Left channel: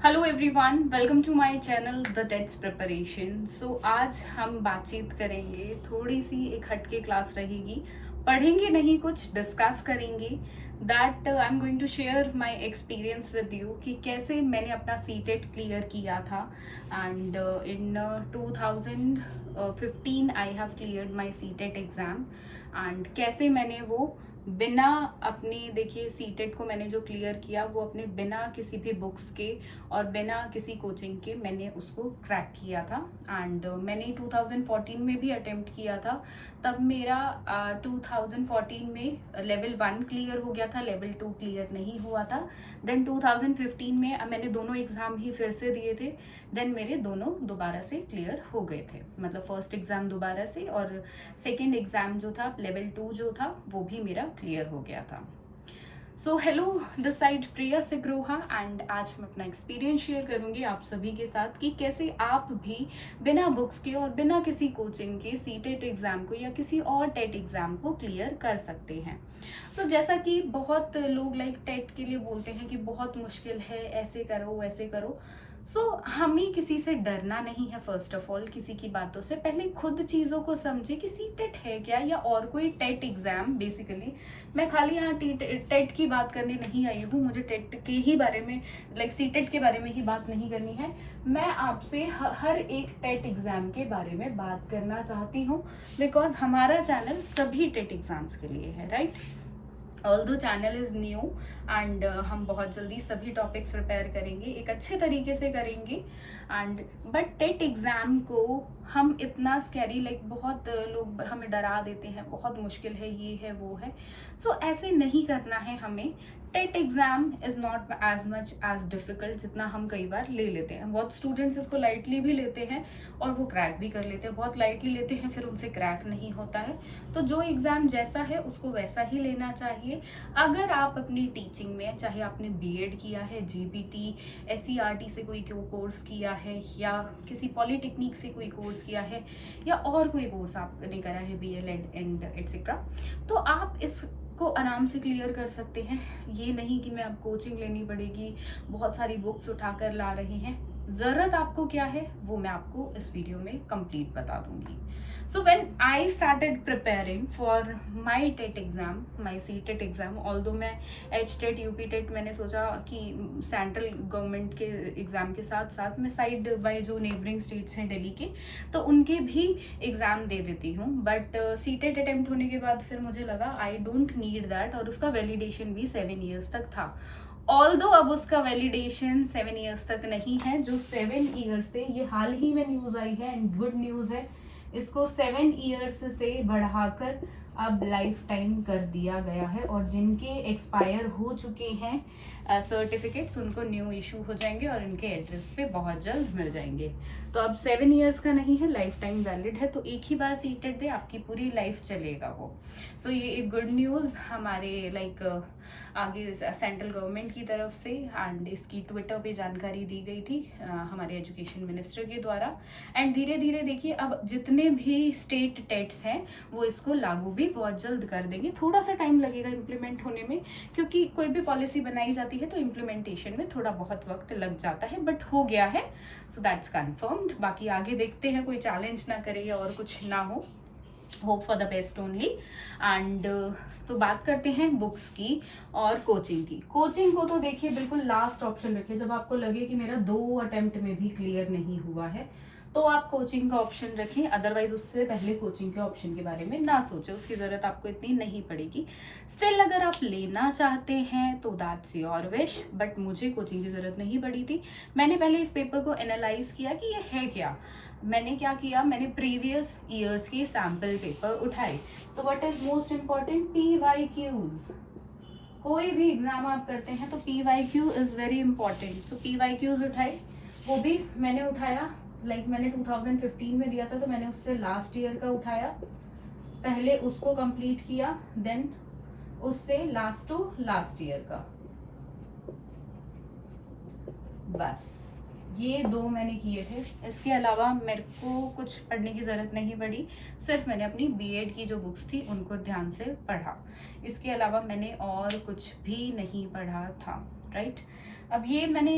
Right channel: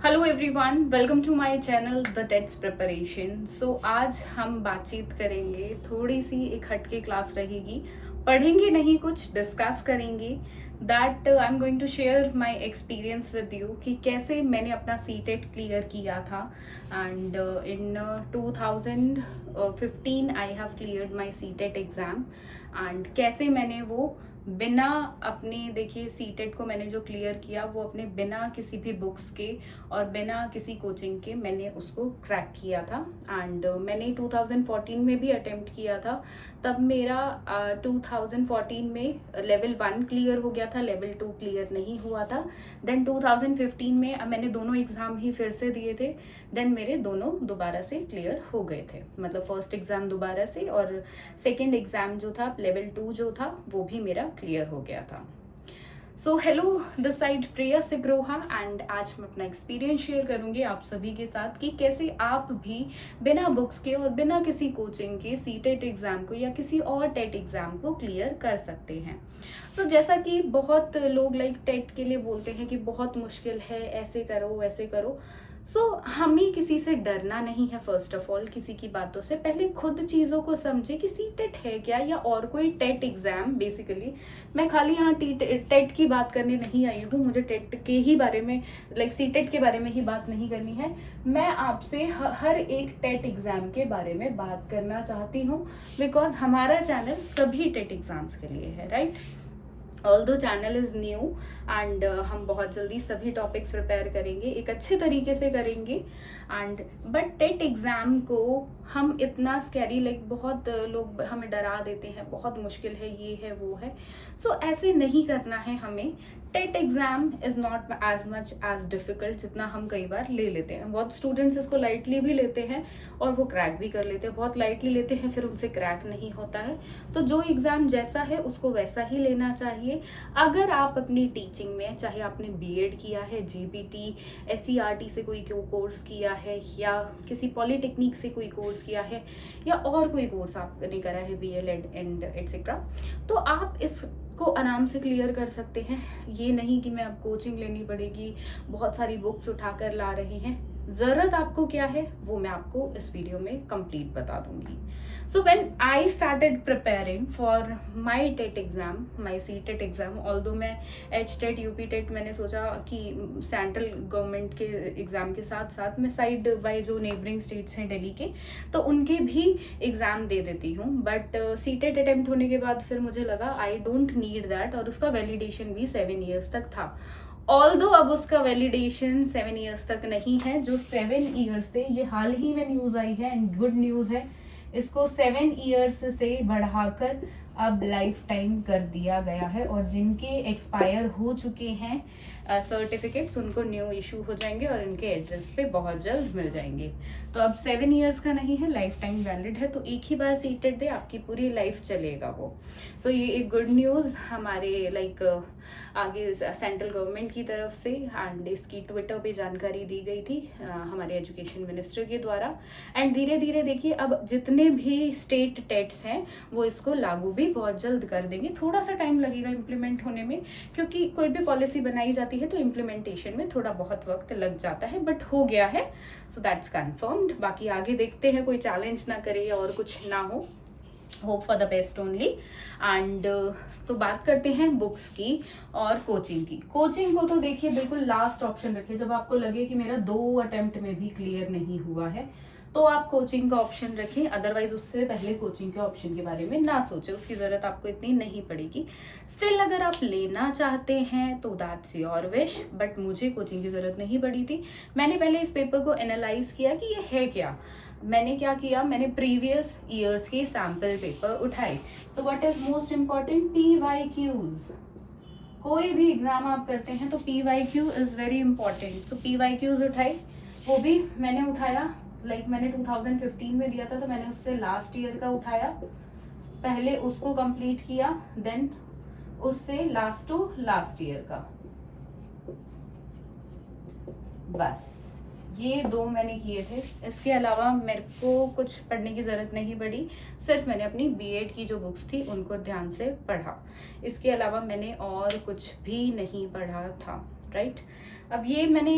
Hello everyone, welcome to my channel the TETs preparation. So आज हम बातचीत करेंगे, थोड़ी सी एक हटके क्लास रहेगी। पढ़ेंगे नहीं, कुछ डिस्कस करेंगे। That I am going to share my experience with you कि कैसे मैंने अपना सीटेट क्लियर किया था। And in 2015 I have cleared my CTET exam. And कैसे मैंने वो बिना अपने, देखिए सीटेट को मैंने जो क्लियर किया वो अपने बिना किसी भी बुक्स के और बिना किसी कोचिंग के मैंने उसको क्रैक किया था। एंड मैंने 2014 में भी अटेम्प्ट किया था। तब मेरा 2014 में लेवल 1 क्लियर हो गया था, लेवल 2 क्लियर नहीं हुआ था। देन 2015 में मैंने दोनों एग्ज़ाम ही फिर से दिए थे। देन मेरे दोनों दोबारा से क्लियर हो गए थे, मतलब फर्स्ट एग्ज़ाम दोबारा से और सेकेंड एग्ज़ाम जो था लेवल 2 जो था वो भी मेरा क्लियर हो गया था। So hello, this side Priya Sigroha and आज मैं अपना एक्सपीरियंस शेयर करूंगी आप सभी के साथ कि कैसे आप भी बिना बुक्स के और बिना किसी कोचिंग के सीटेट एग्ज़ाम को या किसी और टेट एग्ज़ाम को क्लियर कर सकते हैं। सो जैसा कि बहुत लोग लाइक टेट के लिए बोलते हैं कि बहुत मुश्किल है, ऐसे करो वैसे करो। हमें किसी से डरना नहीं है। फर्स्ट ऑफ ऑल किसी की बातों से पहले खुद चीज़ों को समझे कि सीटेट है क्या या और कोई टेट एग्ज़ाम। बेसिकली मैं खाली यहाँ टेट की बात करने नहीं आई हूँ, मुझे टेट के ही बारे में लाइक सीटेट के बारे में ही बात नहीं करनी है। मैं आपसे हर एक टेट एग्ज़ाम के बारे में बात करना चाहती हूँ, बिकॉज हमारा चैनल सभी टेट एग्ज़ाम्स के लिए है, right. Although channel is new and हम बहुत जल्दी सभी टॉपिक्स प्रिपेयर करेंगे, एक अच्छे तरीके से करेंगे। एंड बट टेट एग्ज़ाम को हम इतना स्कैरी, लाइक बहुत लोग हमें डरा देते हैं, बहुत मुश्किल है, ये है वो है। ऐसे नहीं करना है हमें। TET exam is not as much as difficult जितना हम कई बार ले लेते हैं। बहुत स्टूडेंट्स इसको लाइटली भी लेते हैं और वो क्रैक भी कर लेते हैं, बहुत लाइटली लेते हैं फिर उनसे क्रैक नहीं होता है। तो जो एग्ज़ाम जैसा है उसको वैसा ही लेना चाहिए। अगर आप अपनी टीचिंग में, चाहे आपने बीएड किया है, जीपीटी, एससीईआरटी से कोई कोर्स किया है या किसी पॉलिटेक्निक से कोई कोर्स किया है या और कोई कोर्स आपने करा है, बीएलएड एंड एटसेट्रा, तो आप इस को आराम से क्लियर कर सकते हैं। ये नहीं कि मैं अब कोचिंग लेनी पड़ेगी, बहुत सारी बुक्स उठाकर ला रहे हैं। ज़रूरत आपको क्या है वो मैं आपको इस वीडियो में कंप्लीट बता दूंगी। So when I started preparing for my TET exam, my C TET exam, although मैं एच टेट, यूपी टेट, मैंने सोचा कि सेंट्रल गवर्नमेंट के एग्ज़ाम के साथ साथ मैं साइड बाय जो नेबरिंग स्टेट्स हैं दिल्ली के, तो उनके भी एग्ज़ाम दे देती हूँ। बट सी टेट अटेम्प्ट होने के बाद फिर मुझे लगा आई डोंट नीड दैट, और उसका वैलिडेशन भी 7 ईयर्स तक था। ऑल्दो अब उसका वैलिडेशन 7 ईयर्स तक नहीं है, जो 7 ईयर्स थे, ये हाल ही में न्यूज़ आई है एंड गुड न्यूज़ है, इसको 7 ईयर्स से बढ़ाकर अब लाइफ टाइम कर दिया गया है। और जिनके एक्सपायर हो चुके हैं सर्टिफिकेट्स, उनको न्यू इशू हो जाएंगे और उनके एड्रेस पे बहुत जल्द मिल जाएंगे। तो अब 7 ईयर्स का नहीं है, लाइफ टाइम वैलिड है। तो एक ही बार सीटेट दे, आपकी पूरी लाइफ चलेगा वो। ये एक गुड न्यूज़ हमारे लाइक आगे सेंट्रल गवर्नमेंट की तरफ से, एंड इसकी ट्विटर पे जानकारी दी गई थी हमारे एजुकेशन मिनिस्टर के द्वारा। एंड धीरे धीरे देखिए अब जितने भी स्टेट टेट्स हैं वो इसको लागू भी बहुत जल्द कर देंगे। थोड़ा सा टाइम लगेगा इम्प्लीमेंट होने में, क्योंकि कोई भी पॉलिसी बनाई जाती है तो इम्प्लीमेंटेशन में थोड़ा बहुत वक्त लग जाता है, बट हो गया है। So that's confirmed. बाकी आगे देखते हैं कोई चैलेंज ना करे और कुछ ना हो, hope for the best only. And तो बात करते हैं बुक्स की और कोचिंग की। कोचिंग को तो देखिए बिल्कुल लास्ट ऑप्शन रखिए, जब आपको लगे कि मेरा 2 अटेम्प्ट में भी क्लियर नहीं हुआ है तो आप कोचिंग का ऑप्शन रखें। अदरवाइज उससे पहले कोचिंग के ऑप्शन के बारे में ना सोचें, उसकी ज़रूरत आपको इतनी नहीं पड़ेगी। स्टिल अगर आप लेना चाहते हैं तो दैट्स योर विश, बट मुझे कोचिंग की ज़रूरत नहीं पड़ी थी। मैंने पहले इस पेपर को एनालाइज किया कि ये है क्या। मैंने क्या किया, मैंने प्रीवियस ईयर्स के सैम्पल पेपर उठाए। So what is most important, PYQs। कोई भी एग्जाम आप करते हैं तो PYQ इज वेरी इंपॉर्टेंट। तो PYQs उठाए, वो भी मैंने उठाया। मैंने 2015 में दिया था तो मैंने उससे लास्ट ईयर का उठाया, पहले उसको कंप्लीट किया, देन उससे लास्ट टू लास्ट ईयर का। बस ये 2 मैंने किए थे। इसके अलावा मेरे को कुछ पढ़ने की ज़रूरत नहीं पड़ी, सिर्फ मैंने अपनी बीएड की जो बुक्स थी उनको ध्यान से पढ़ा। इसके अलावा मैंने और कुछ भी नहीं पढ़ा था। राइट। अब ये मैंने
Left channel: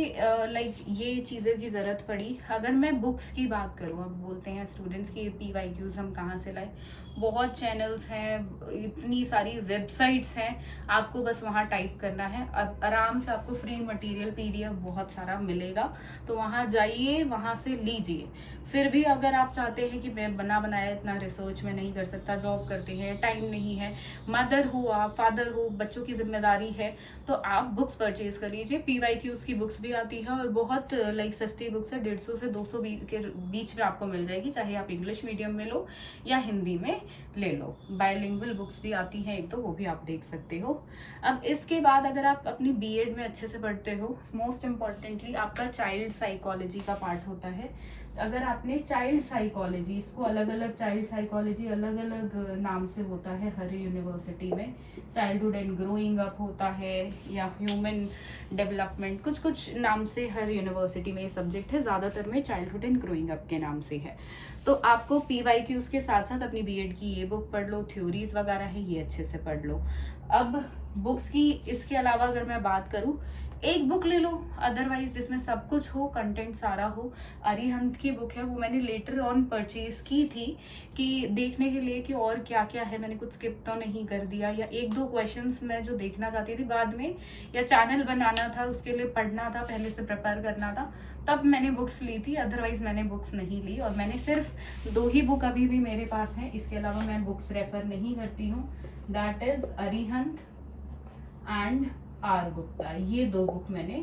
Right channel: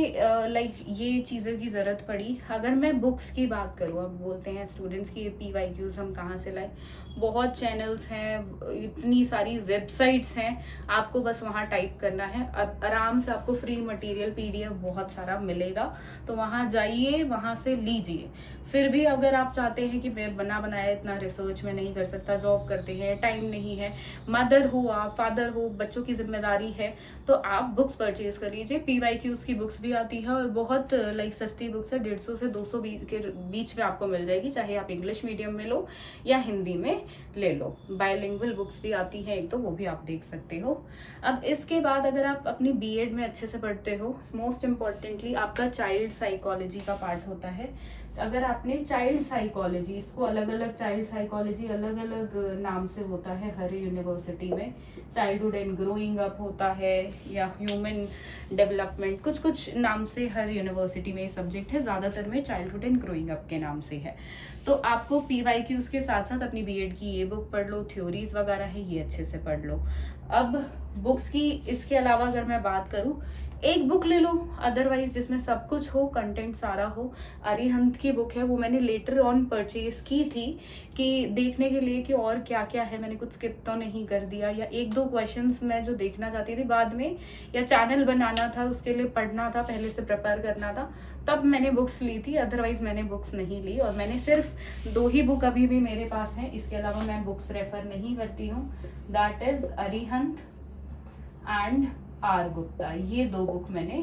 लाइक ये चीज़ों की ज़रूरत पड़ी। अगर मैं बुक्स की बात करूँ, अब बोलते हैं स्टूडेंट्स की PYQs हम कहाँ से लाएं, बहुत चैनल्स हैं, इतनी सारी वेबसाइट्स हैं, आपको बस वहाँ टाइप करना है। अब आराम से आपको फ्री मटेरियल PDF बहुत सारा मिलेगा, तो वहाँ जाइए, वहाँ से लीजिए। फिर भी अगर आप चाहते हैं कि मैं बना बनाया इतना रिसर्च में नहीं कर सकता, जॉब करते हैं, टाइम नहीं है, मदर हो आप, फादर हो, बच्चों की जिम्मेदारी है, तो आप बुक्स परचेज कर लीजिए। PYQs की बुक्स भी आती हैं और बहुत लाइक सस्ती बुक्स है, 150 से 200 के बीच में आपको मिल जाएगी, चाहे आप इंग्लिश मीडियम में लो या हिंदी में ले लो। बायलिंगुअल बुक्स भी आती हैं एक, तो वो भी आप देख सकते हो। अब इसके बाद अगर आप अपनी B.Ed में अच्छे से पढ़ते हो, मोस्ट इम्पॉर्टेंटली आपका चाइल्ड साइकोलॉजी का पार्ट होता है। अगर आपने चाइल्ड साइकोलॉजी, इसको अलग अलग चाइल्ड साइकोलॉजी अलग अलग नाम से होता है हर यूनिवर्सिटी में, चाइल्डहुड एंड ग्रोइंग अप होता है या ह्यूमन डेवलपमेंट, कुछ कुछ नाम से हर यूनिवर्सिटी में ये सब्जेक्ट है, ज़्यादातर में चाइल्डहुड एंड ग्रोइंग अप के नाम से है। तो आपको PYQs के साथ साथ अपनी B.Ed की ये बुक पढ़ लो, थ्योरीज वगैरह है ये अच्छे से पढ़ लो। अब बुक्स की इसके अलावा अगर मैं बात करूँ, एक बुक ले लो अदरवाइज जिसमें सब कुछ हो, कंटेंट सारा हो। अरिहंत की बुक है, वो मैंने लेटर ऑन परचेज की थी कि देखने के लिए कि और क्या क्या है, मैंने कुछ स्किप तो नहीं कर दिया, या एक दो क्वेश्चंस मैं जो देखना चाहती थी बाद में, या चैनल बनाना था उसके लिए पढ़ना था, पहले से प्रिपेयर करना था, तब मैंने बुक्स ली थी, अदरवाइज मैंने बुक्स नहीं ली। और मैंने सिर्फ 2 ही बुक अभी भी मेरे पास हैं, इसके अलावा मैं बुक्स रेफर नहीं करती हूँ। That is Arihant and R Gupta, ये 2 बुक मैंने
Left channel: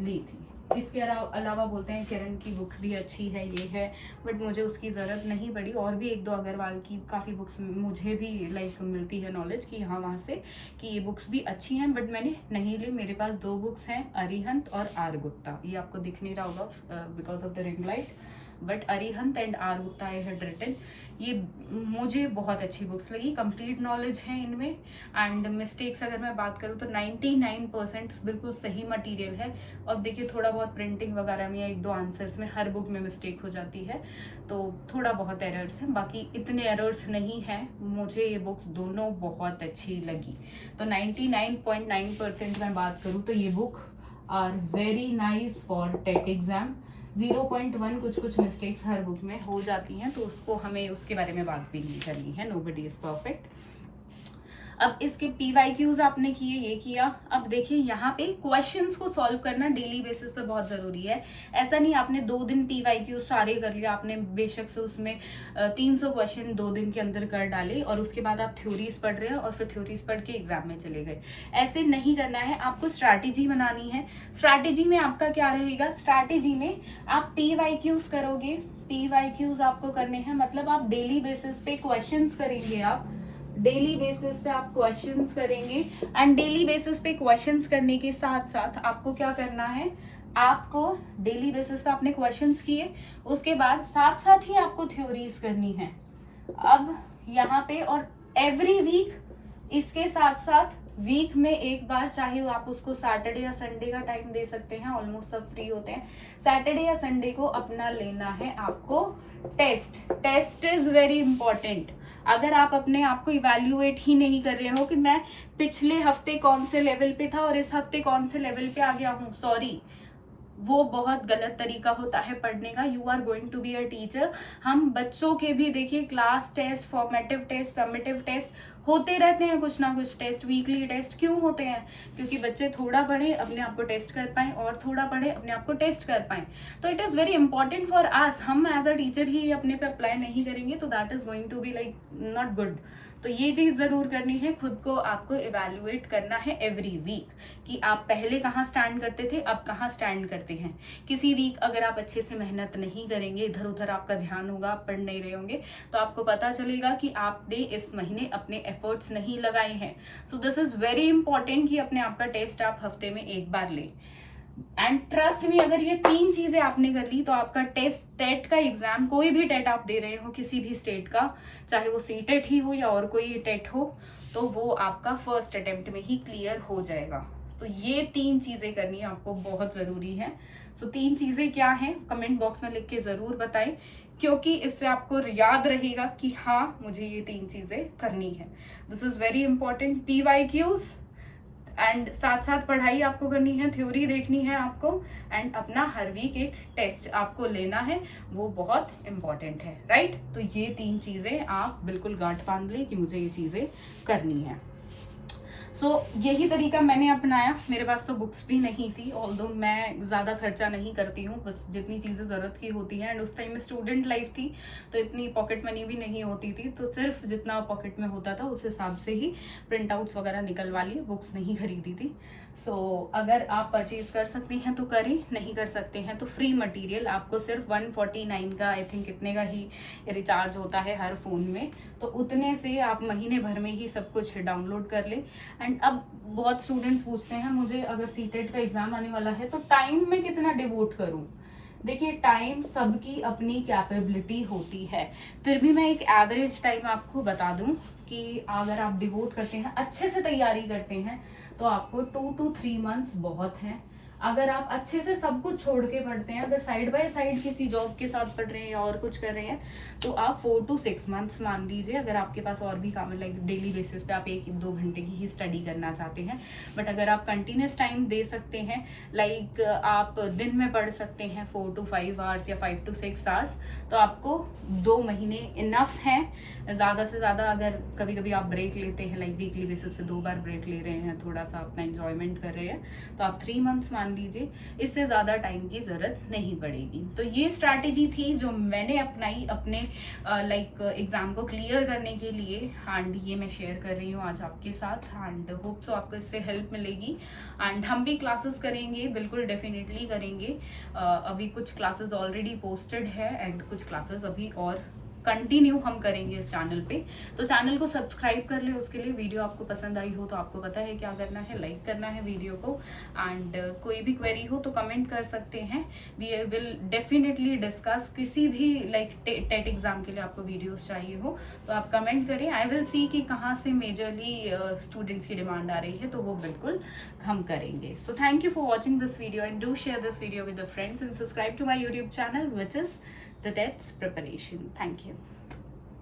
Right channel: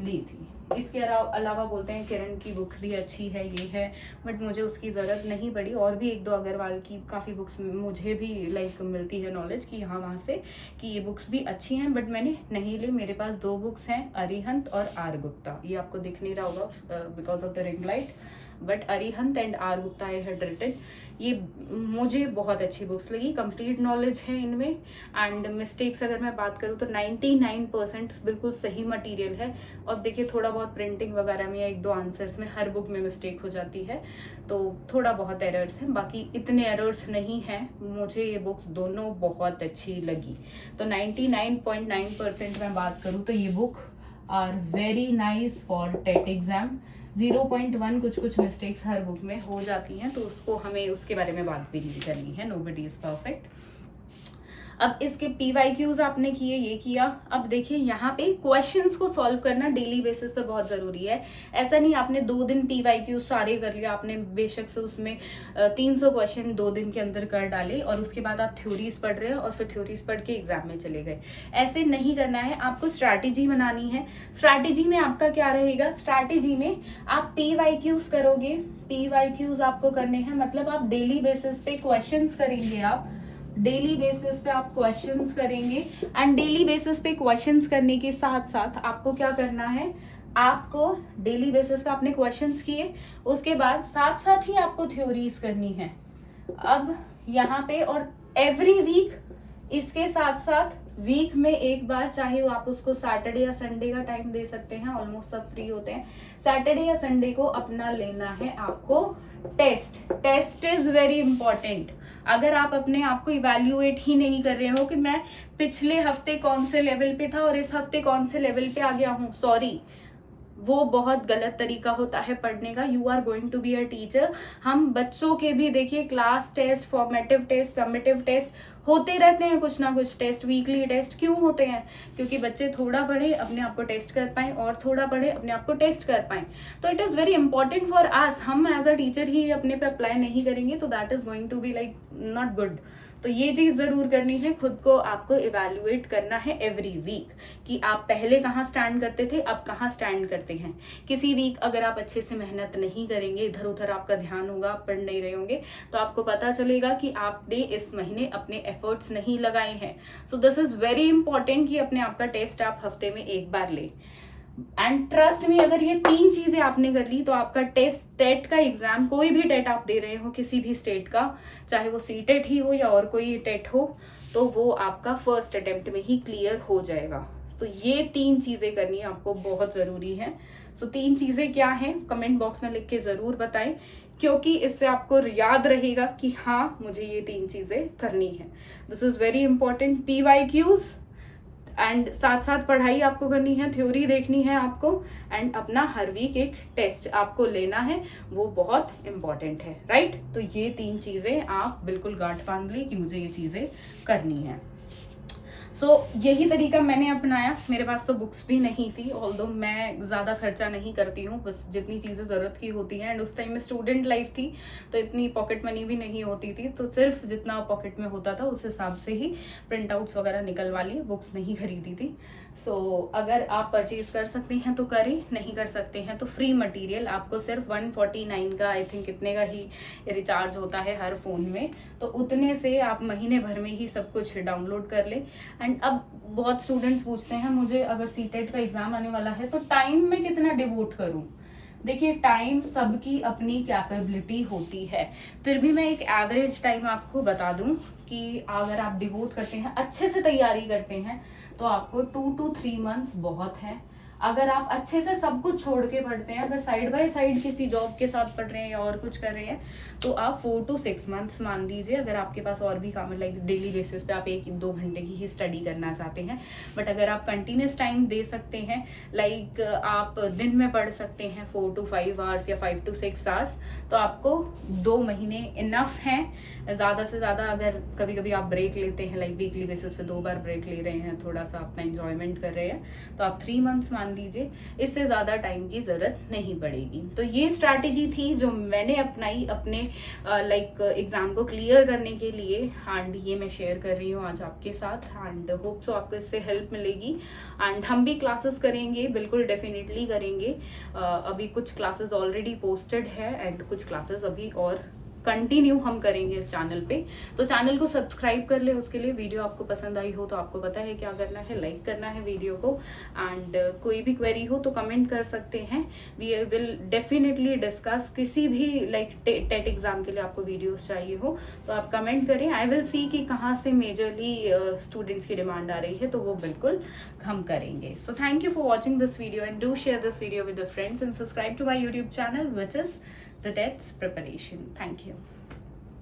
ली थी। इसके अलावा बोलते हैं किरण की बुक भी अच्छी है, ये है, बट मुझे उसकी ज़रूरत नहीं पड़ी। और भी 1-2 अग्रवाल की काफ़ी बुक्स मुझे भी लाइक मिलती है नॉलेज कि यहाँ वहाँ से कि ये बुक्स भी अच्छी हैं, बट मैंने नहीं ली। मेरे पास 2 बुक्स हैं, अरिहंत और R गुप्ता। ये आपको दिख नहीं रहा होगा because of the ring light, but Arihant and R Gupta I had written. ये मुझे बहुत अच्छी बुक्स लगी, कंप्लीट नॉलेज है इनमें। एंड मिस्टेक्स अगर मैं बात करूँ तो 99% बिल्कुल सही मटेरियल है। और देखिए थोड़ा बहुत प्रिंटिंग वगैरह में या 1-2 आंसर्स में हर बुक में मिस्टेक हो जाती है, तो थोड़ा बहुत एरर्स हैं, बाकी इतने एरर्स नहीं हैं। मुझे ये बुक्स दोनों बहुत अच्छी लगी। तो 99.9% मैं बात करूँ तो ये book are very nice for TET exam. 0.1 कुछ कुछ मिस्टेक्स हर बुक में हो जाती हैं, तो उसको हमें उसके बारे में बात भी नहीं करनी है, नोबडी इज परफेक्ट। अब इसके PYQs आपने किए, ये किया। अब देखिए यहाँ पे क्वेश्चंस को सॉल्व करना डेली बेसिस पे बहुत ज़रूरी है। ऐसा नहीं आपने 2 दिन PYQs सारे कर लिया, आपने बेशक से उसमें 300 क्वेश्चन 2 दिन के अंदर कर डाले और उसके बाद आप थ्योरीज पढ़ रहे हैं और फिर थ्योरीज पढ़ के एग्जाम में चले गए। ऐसे नहीं करना है, आपको स्ट्रैटेजी बनानी है। स्ट्रैटेजी में आपका क्या रहेगा, स्ट्रैटेजी में आप PYQs करोगे, PYQs आपको करने हैं, मतलब आप डेली बेसिस पे क्वेश्चंस करेंगे, आप डेली बेसिस पे आप क्वेश्चंस करेंगे। एंड डेली बेसिस पे क्वेश्चंस करने के साथ साथ आपको क्या करना है, आपको डेली बेसिस पे आपने क्वेश्चंस किए, उसके बाद साथ साथ ही आपको थ्योरीज करनी है। अब यहाँ पे और एवरी वीक, इसके साथ साथ वीक में एक बार, चाहे आप उसको सैटरडे या संडे का टाइम दे सकते हैं, ऑलमोस्ट सब फ्री होते हैं, सैटरडे या संडे को अपना लेना है आपको test. Test is very important. अगर आप अपने आप को इवैल्यूएट ही नहीं कर रहे हो कि मैं पिछले हफ्ते कौन से लेवल पे था और इस हफ्ते कौन से लेवल पे आ गया हूँ, सॉरी, वो बहुत गलत तरीका होता है पढ़ने का। You are going to be a teacher. हम बच्चों के भी देखिए class test, formative test, summative test होते रहते हैं, कुछ ना कुछ टेस्ट, वीकली टेस्ट क्यों होते हैं, क्योंकि बच्चे थोड़ा पढ़े अपने आप को टेस्ट कर पाएं और थोड़ा पढ़े अपने आप को टेस्ट कर पाएं। तो it is very important for us. हम एज अ टीचर ही अपने पे अप्लाई नहीं करेंगे तो that is going to be like not good. तो ये चीज़ ज़रूर करनी है, खुद को आपको इवैल्यूएट करना है एवरी वीक कि आप पहले कहाँ स्टैंड करते थे, अब कहाँ स्टैंड करते हैं। किसी वीक अगर आप अच्छे से मेहनत नहीं करेंगे, इधर उधर आपका ध्यान होगा, आप पढ़ नहीं रहे होंगे, तो आपको पता चलेगा कि आपने इस महीने अपने एफर्ट्स नहीं लगाए हैं। So this is very important कि अपने आप का टेस्ट आप हफ्ते में एक बार लें। एंड ट्रस्ट मी, अगर ये 3 चीजें आपने कर ली तो आपका टेस्ट, टेट का एग्जाम, कोई भी टेट आप दे रहे हो किसी भी स्टेट का, चाहे वो सीटेट ही हो या और कोई टेट हो, तो वो आपका फर्स्ट अटेम्प्ट में ही क्लियर हो जाएगा। तो ये 3 चीजें करनी आपको बहुत जरूरी है। सो 3 चीजें क्या हैं, कमेंट बॉक्स में लिख के जरूर बताएं, क्योंकि इससे आपको याद रहेगा कि हाँ मुझे ये 3 चीजें करनी है। This is very important. PYQs and साथ साथ पढ़ाई आपको करनी है, थ्योरी देखनी है आपको, एंड अपना हर वीक एक टेस्ट आपको लेना है, वो बहुत इंपॉर्टेंट है, राइट। तो ये 3 चीजें आप बिल्कुल गांठ बांध ली कि मुझे ये चीजें करनी है। यही तरीका मैंने अपनाया। मेरे पास तो बुक्स भी नहीं थी, ऑल्दो मैं ज़्यादा खर्चा नहीं करती हूँ, बस जितनी चीज़ें ज़रूरत की होती हैं, एंड उस टाइम में स्टूडेंट लाइफ थी तो इतनी पॉकेट मनी भी नहीं होती थी, तो सिर्फ जितना पॉकेट में होता था उस हिसाब से ही प्रिंट आउट्स वगैरह निकलवा लिए, बुक्स नहीं खरीदी थी। अगर आप परचेज कर सकते हैं तो करें, नहीं कर सकते हैं तो फ्री मटेरियल आपको सिर्फ 149 का आई थिंक इतने का ही रिचार्ज होता है हर फ़ोन में, तो उतने से आप महीने भर में ही सब कुछ डाउनलोड कर लें। एंड अब बहुत स्टूडेंट्स पूछते हैं मुझे अगर सीटेट का एग्जाम आने वाला है तो टाइम में कितना डिवोट करूं। देखिए, टाइम सबकी अपनी कैपेबिलिटी होती है, फिर भी मैं एक एवरेज टाइम आपको बता दूं कि अगर आप डिवोट करते हैं, अच्छे से तैयारी करते हैं, तो आपको 2 to 3 मंथ्स बहुत हैं। अगर आप अच्छे से सब कुछ छोड़ के पढ़ते हैं, अगर साइड बाय साइड किसी जॉब के साथ पढ़ रहे हैं या और कुछ कर रहे हैं, तो आप 4 to 6 मंथ्स मान लीजिए। अगर आपके पास और भी काम है, लाइक डेली बेसिस पे आप 1-2 घंटे की ही स्टडी करना चाहते हैं, बट अगर आप कंटिन्यूस टाइम दे सकते हैं, लाइक आप दिन में पढ़ सकते हैं 4 to 5 आवर्स या 5 to 6 आवर्स, तो आपको 2 महीने इनफ हैं। ज़्यादा से ज़्यादा अगर कभी कभी आप ब्रेक लेते हैं, लाइक वीकली बेसिस पे 2 बार ब्रेक ले रहे हैं, थोड़ा सा अपना एंजॉयमेंट कर रहे हैं, तो आप 3 मंथ्स मान लीजिए, इससे ज़्यादा टाइम की ज़रूरत नहीं पड़ेगी। तो ये स्ट्रैटेजी थी जो मैंने अपनाई अपने लाइक एग्ज़ाम को क्लियर करने के लिए, एंड ये मैं शेयर कर रही हूँ आज आपके साथ, एंड होप सो आपको इससे हेल्प मिलेगी। एंड हम भी क्लासेस करेंगे, बिल्कुल डेफिनेटली करेंगे। अभी कुछ क्लासेस ऑलरेडी पोस्टेड है एंड कुछ क्लासेस अभी और कंटिन्यू हम करेंगे इस चैनल पे, तो चैनल को सब्सक्राइब कर ले। उसके लिए वीडियो आपको पसंद आई हो तो आपको पता है क्या करना है, लाइक करना है वीडियो को, एंड कोई भी क्वेरी हो तो कमेंट कर सकते हैं। We will definitely discuss. किसी भी लाइक टेट एग्जाम के लिए आपको वीडियोस चाहिए हो तो आप कमेंट करें, आई विल सी कि कहाँ से मेजरली स्टूडेंट्स की डिमांड आ रही है, तो वो बिल्कुल हम करेंगे। So thank you for watching this video and do share this video with the friends and subscribe to my YouTube channel which is the TETs preparation. Thank you.